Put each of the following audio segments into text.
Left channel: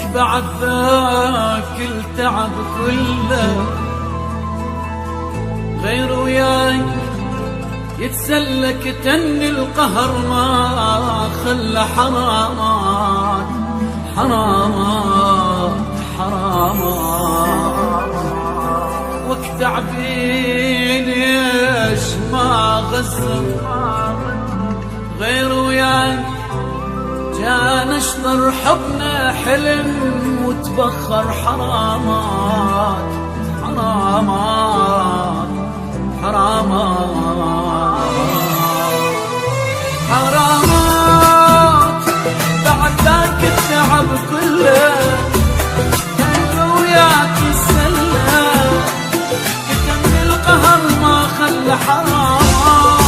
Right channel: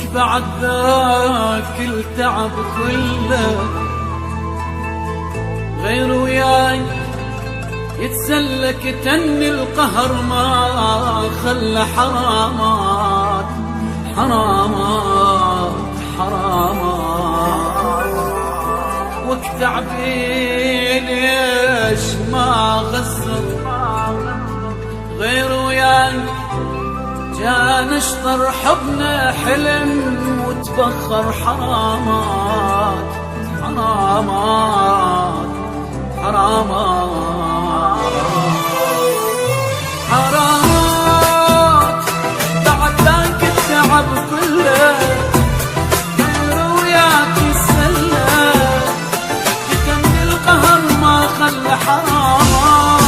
لك بعد ذاك التعب كله غير وياك يتسلك تني القهر ما خلى حرامات حرامات حرامات وقت عبيل ليش ما غزر غير وياك جانا اشطر حبنا حلم وتبخر حرامات حرامات حرامات حرامات بعد ذاك التعب كله غير وياك يسلى كتم القهر ما خلى حرامات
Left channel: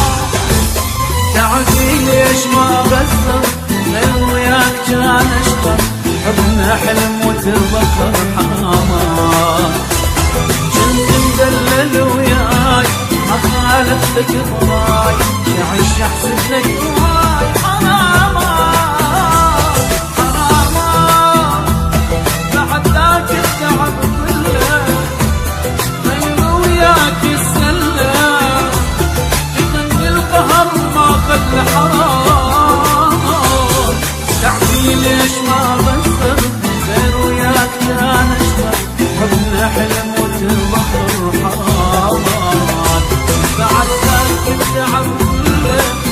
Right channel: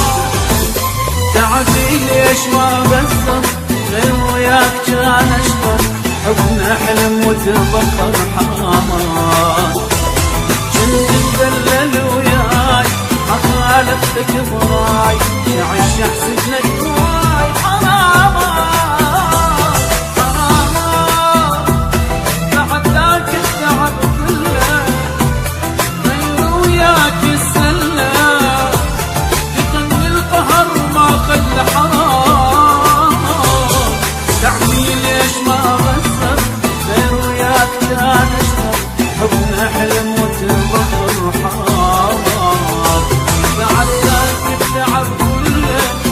تعبي ليش ما غزر غير وياك كان اشطر حبنا حلم وتبخر حرامات كنت مدلل وياي ما خالفتك ضراي شعش احسب لك واي حرامات حرامات بعد ذاك التعب كله غير وياك يسلى كتم القهر ما خلى حرام تعبي ليش ما غزر غير وياك كان اشطر حبنا حلم وتبخر حرامات بعد ذاك التعب كله